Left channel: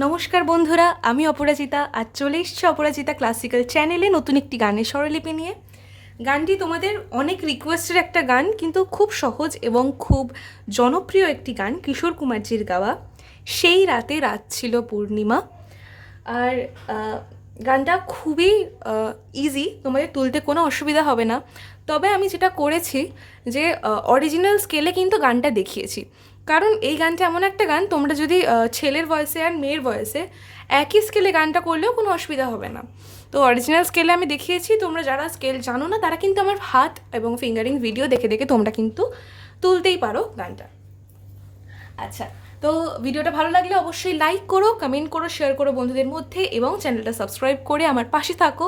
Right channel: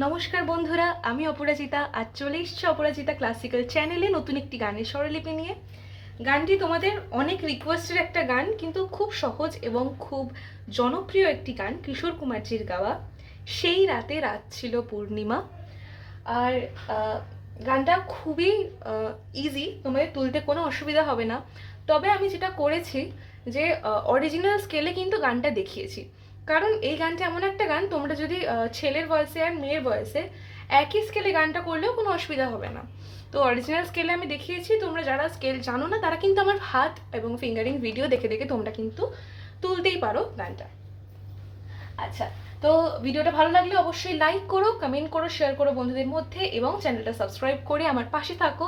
নমস্কার বন্ধুরা, আমি অপরাজিতা। আর চলে এসছি অপরাজিতা ক্লাসিক্যাল চ্যানেলে নতুন একটি গানের স্বরলিপি নিয়ে। গানটি তোমাদের অনেক রিকোয়েস্টের একটা গান, কিন্তু খুব সহজ এবং খুব জনপ্রিয় একটি গান, কিশোর কুমারজির গাওয়া, সেই রাতে রাত ছিল পূর্ণিমা। আর গানটা খুবই ইজি তোমাদের তুলতে কোনো অসুবিধা হবে না। তবে আমি যেটা করেছি যে অরিজিনাল স্কেলে কিন্তু গানটা দেখিয়েছি। কারণ এই গানটা এমন একটা গান, তোমরা যদি ছেলের ভয়েসে আর মেয়ের ভয়েসে একই স্কেলে গানটা করলেও কোনো অসুবিধা হবে না। তো অরিজিনাল স্কেলে আমি দেখিয়েছি, তোমরা যারা স্কেল জানো না, তারা কিন্তু আমার হাত এবং ফিঙ্গারিং ভিডিও দেখে দেখে তোমরা কিন্তু তুলতেই পারো গানটা। আচ্ছা তো ভিডিওটা ভালো লাগলে অবশ্যই লাইক করো কমেন্ট করো শেয়ার করো বন্ধুদের মধ্যে এবং চ্যানেলটা সাবস্ক্রাইব করে আমার পাশে থাকো।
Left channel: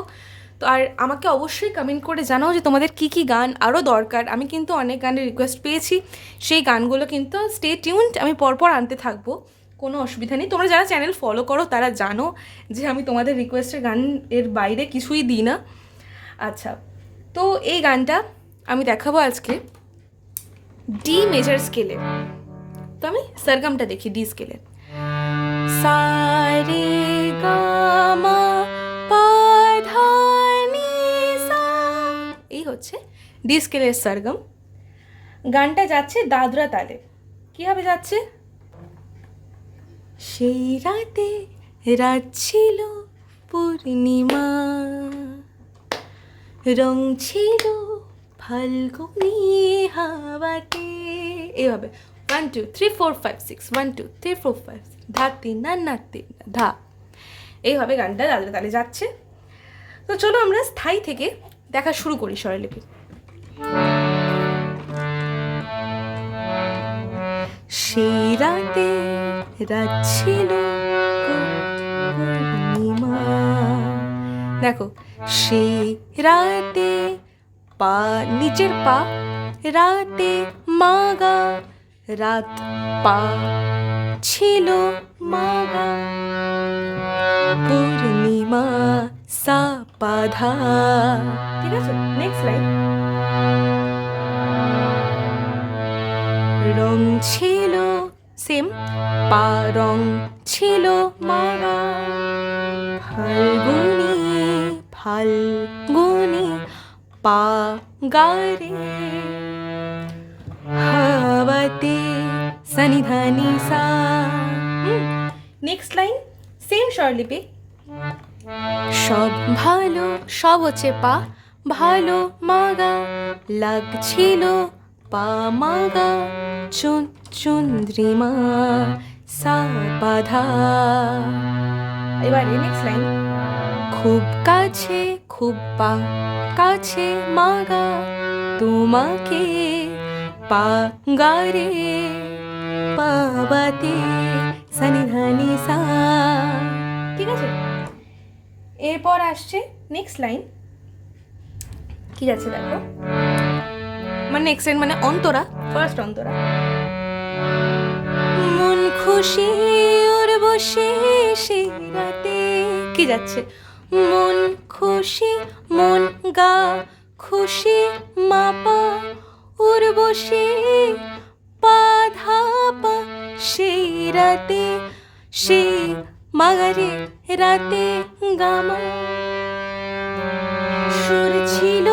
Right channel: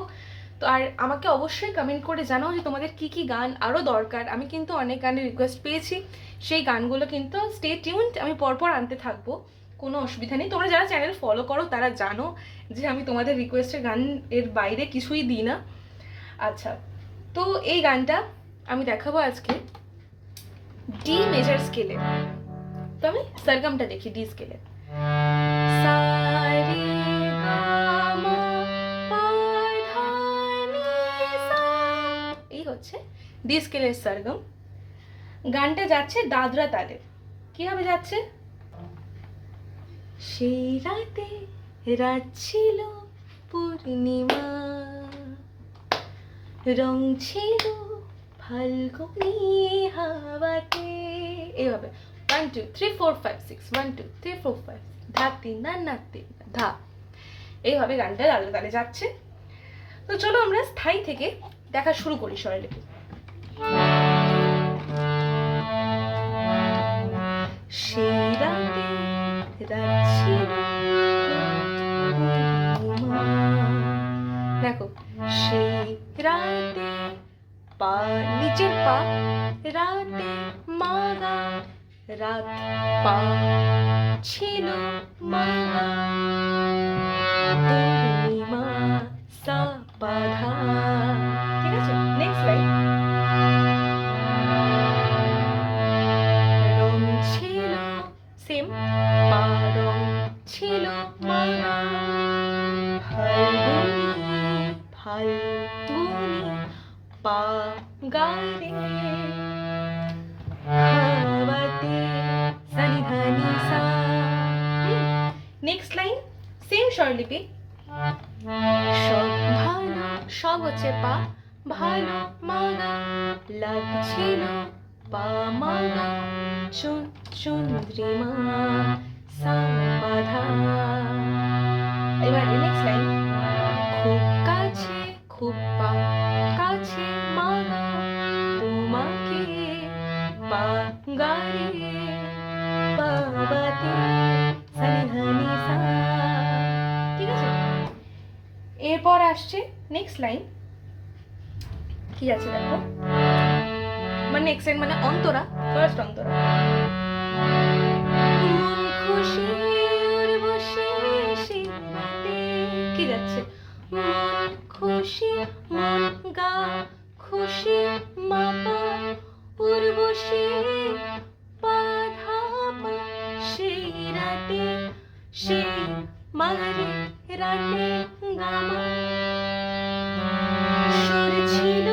তো আর আমাকে অবশ্যই কমেন্ট করে জানাও যে তোমাদের কি কি গান আরও দরকার। আমি কিন্তু অনেক গানের রিকোয়েস্ট পেয়েছি। সেই গানগুলো কিন্তু স্টে টিউনড আমি পরপর আনতে থাকব। কোনো অসুবিধা নেই। তোমরা যারা চ্যানেল ফলো করো, তারা জানো যে আমি তোমাদের রিকোয়েস্টের গান এর বাইরে কিছুই দিই না। আচ্ছা তো এই গানটা আমি দেখাবো আজকে। ডি মেজার স্কেলে তো আমি সরগমটা দেখি ডি স্কেলে সারে গামা হচ্ছে ডি সরগম। গানটা যাচ্ছে দাদরা তালে। কীভাবে যাচ্ছে? সেই রাতে রাত ছিল পূর্ণিমা। রং ছিল ফাল্গুনি হাওয়াতে। এইভাবে। One two three four five six one two three four five six ধা, তিন, না না, তিন ধা। এইভাবে গানটা তালে তালে যাচ্ছে। তো চলো আমরা স্থায়ী থেকে দেখা শুরু করি স্বরলিপি সেই রাতে রাত ছিল। দেখো সেই রাতে পা, নিচের পা, রাতে মাগা, রাত পা ছিল মাগা। পূর্ণিমা সা স্বরলিপি সব ভালো, সব হচ্ছে পা। ভালো, মাগা, লাগছিল পা মাগা। চুন চুন্দ্রিমা সা বাধা এবার নেক্সট লাইন খুব কাছে, খুব পা, কাছে মাগা। তোমাকে পা গারে পাবাতে। এরপর আসছে নেক্সট লাইন কি আছে দেখো? মানে নেক্সট লাইন মানে অন্তরা ফার্স্ট অন্তরা। মন খুশি ওর বসে সেই রাতে। কি যাচ্ছে? মন খুশি, মন গা খুশি মাপা পাধা পা সেই রাতে সেই মাগারে রাতে গামা। সুর ছিল,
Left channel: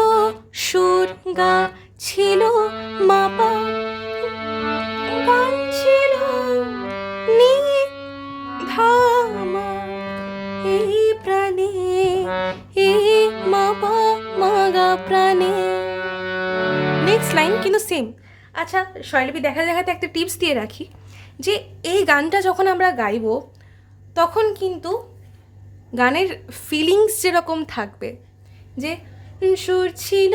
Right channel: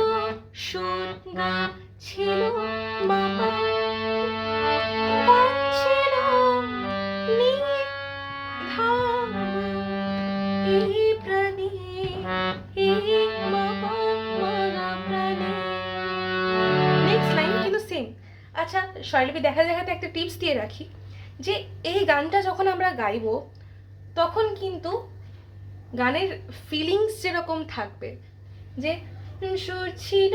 সুর গা ছিল, মাপা। প্রাণে নেক্সট লাইন আচ্ছা শৈলবী দেখা দেখাতে একটা টিপস দিয়ে রাখি, যে এই গানটা যখন আমরা গাইবো তখন কিন্তু গানের ফিলিংস যেরকম থাকবে, যে সুর ছিল,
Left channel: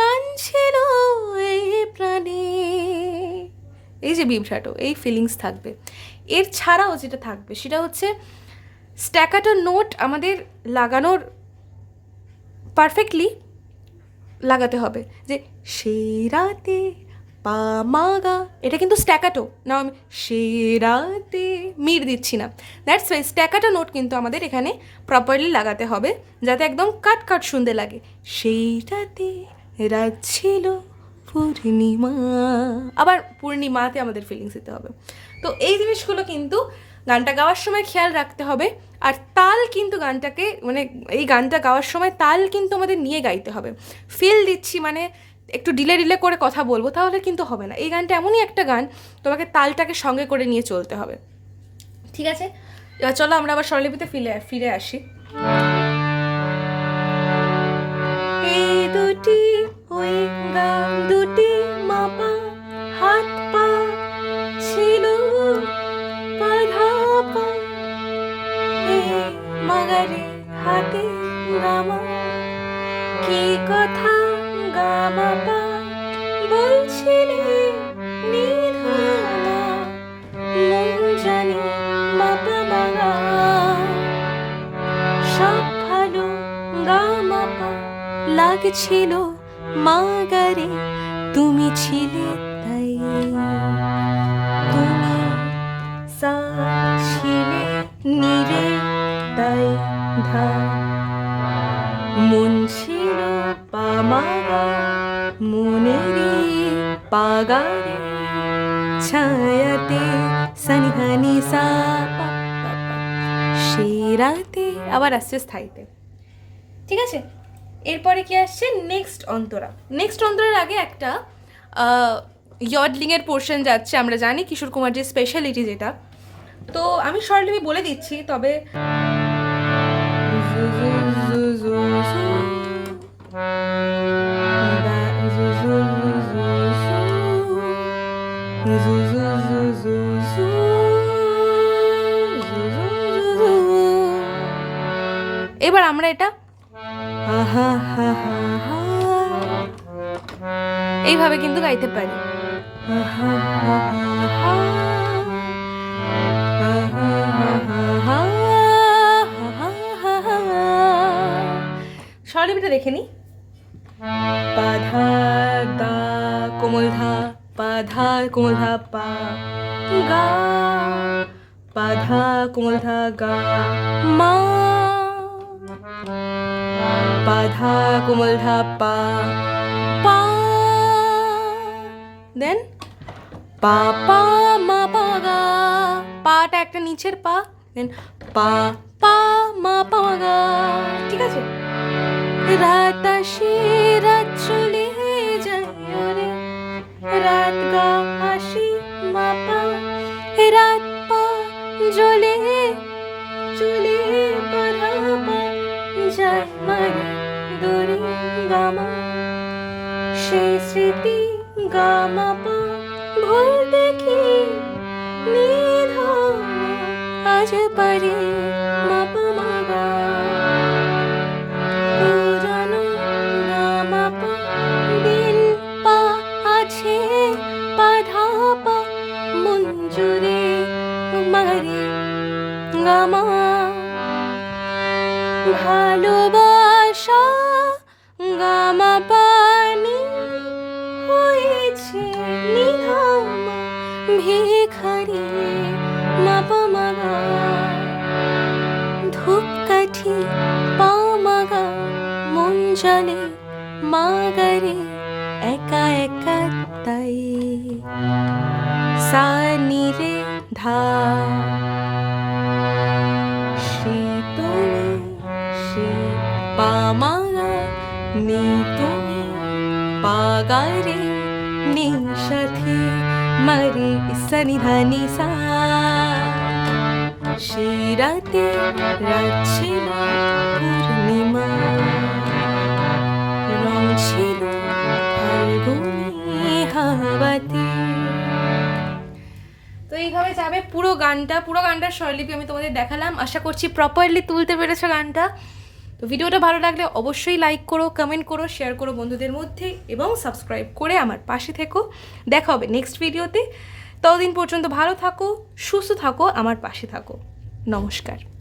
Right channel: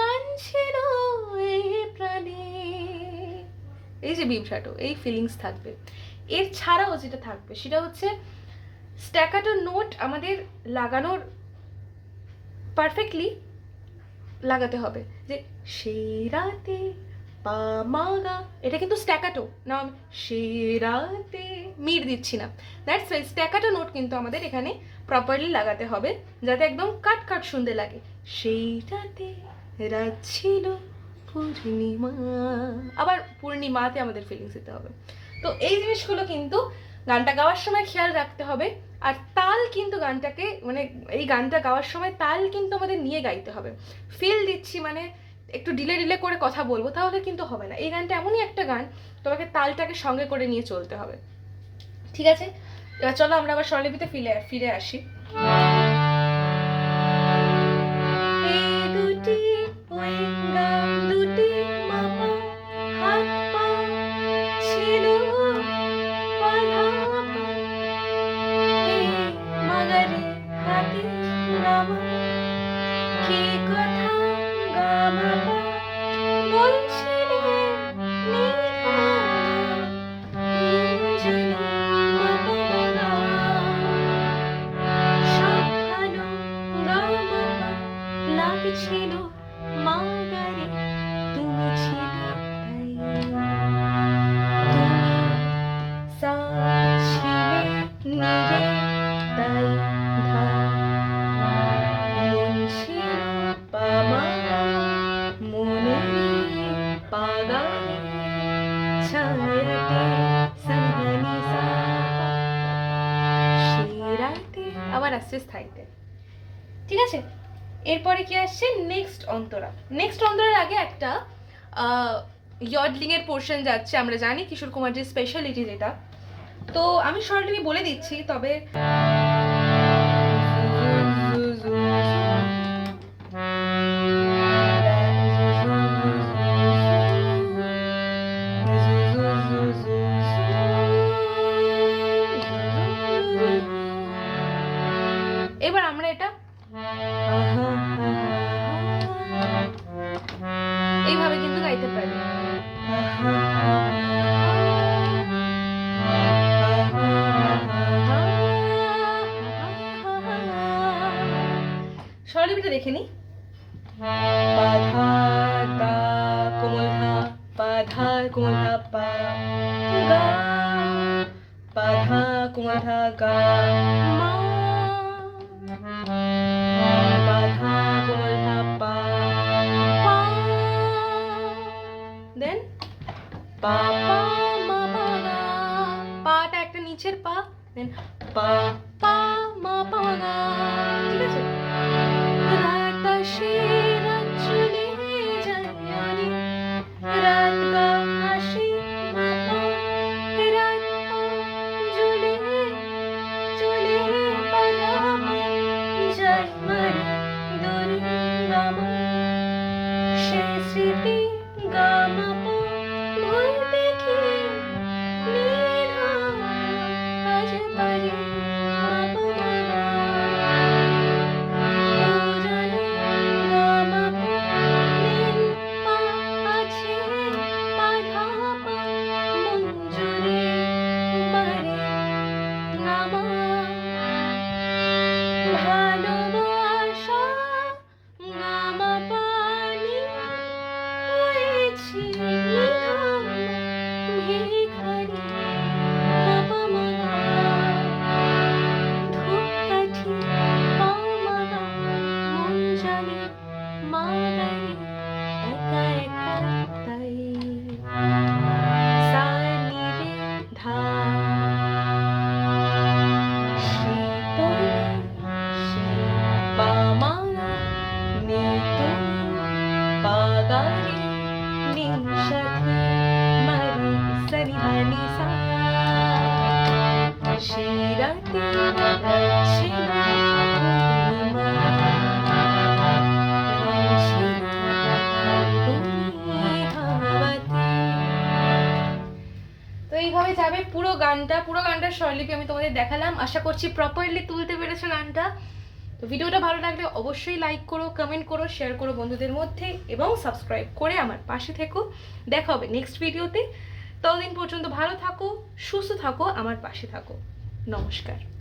গান ছিল এই প্রাণে। এই যে বিভ্রাটো, এই ফিলিংস থাকবে। এর ছাড়াও যেটা থাকবে, সেটা হচ্ছে স্ট্যাকাটো নোট আমাদের লাগানোর পারফেক্টলি লাগাতে হবে, যে সেই রাতে পা মাগা। এটা কিন্তু স্ট্যাকাটো না আমি সেই রাতে মির দিচ্ছি না। দ্যাটস ওয়াই স্ট্যাকাটো নোট কিন্তু আমাদের এখানে প্রপারলি লাগাতে হবে, যাতে একদম কাট কাট শুনতে লাগে। সেই রাতে রাত ছিল পূর্ণিমা। আবার পূর্ণিমাতে আমাদের ফিলিংস দিতে হবে। তো এই জিনিসগুলো কিন্তু গানটা গাওয়ার সময় খেয়াল রাখতে হবে, আর তাল কিন্তু গানটাকে মানে এই গানটা গাওয়ার সময় তাল কিন্তু আমাদের নিয়ে গাইতে হবে। ফিল দিচ্ছি মানে একটু ডিলে ডিলে করে কথা বলব, তাহলে কিন্তু হবে না। এই গানটা এমনই একটা গান, তোমাকে তালটাকে সঙ্গে করে নিয়ে চলতে হবে। ঠিক আছে? চলো আমরা আবার স্বরলিপিতে ফিরে ফিরে আসি। লাগছিল মাগারে, তুমি ছিলে তুমি সা ছিলে ছিল সা রাতে আবার আসছে স্থায়ীতে। ঠিক আছে এরপরে কি আসছে? নেক্সট অন্তরা। নেক্সট অন্তরের আগে একটা ইয়ডলিংয়ের পোর্শন যাচ্ছে, আমরা জানি, কিশোর কুমার যে স্পেশালিটি যেটা। তো আমি শর্টলি বলে দিচ্ছি, তবে এইভাবে কিন্তু গাইতে পারি। স্বরলিপিটা দেখে নি। পাধা দা কোমল ধা পাধা কোমল ধা পা, গা। পাধা কোমল ধা গা, মা। পাধা কোমল ধা পা পা পা পা মা পা গা পাটা একটা নিচের পা দেন পা পা মা পা গা ঠিক আছে? রাত আসে রাত চলে যায়। রাত গা আসি মা পা। রাত পা জ্বলে চলে মারে সনিধানি সা। সেই রাতে রাত ছিল পূর্ণিমা রং ছিল ফাল্গুনি হাওয়াতে। তো এইভাবে যাবে পুরো গানটা, পুরো গানটার স্বরলিপি আমি তোমাদের দেখালাম। আশা করছি প্রপারলি তুলতে পেরেছ গানটা। তো ভিডিওটা ভালো লাগলে অবশ্যই লাইক করো কমেন্ট করো শেয়ার করো বন্ধুদের মধ্যে এবং সাবস্ক্রাইব করে আমার পাশে থেকো। দেখা হবে নেক্সট ভিডিওতে ততদিন পর্যন্ত ভালো থাকো সুস্থ থাকো আমার পাশে থাকো। নমস্কার।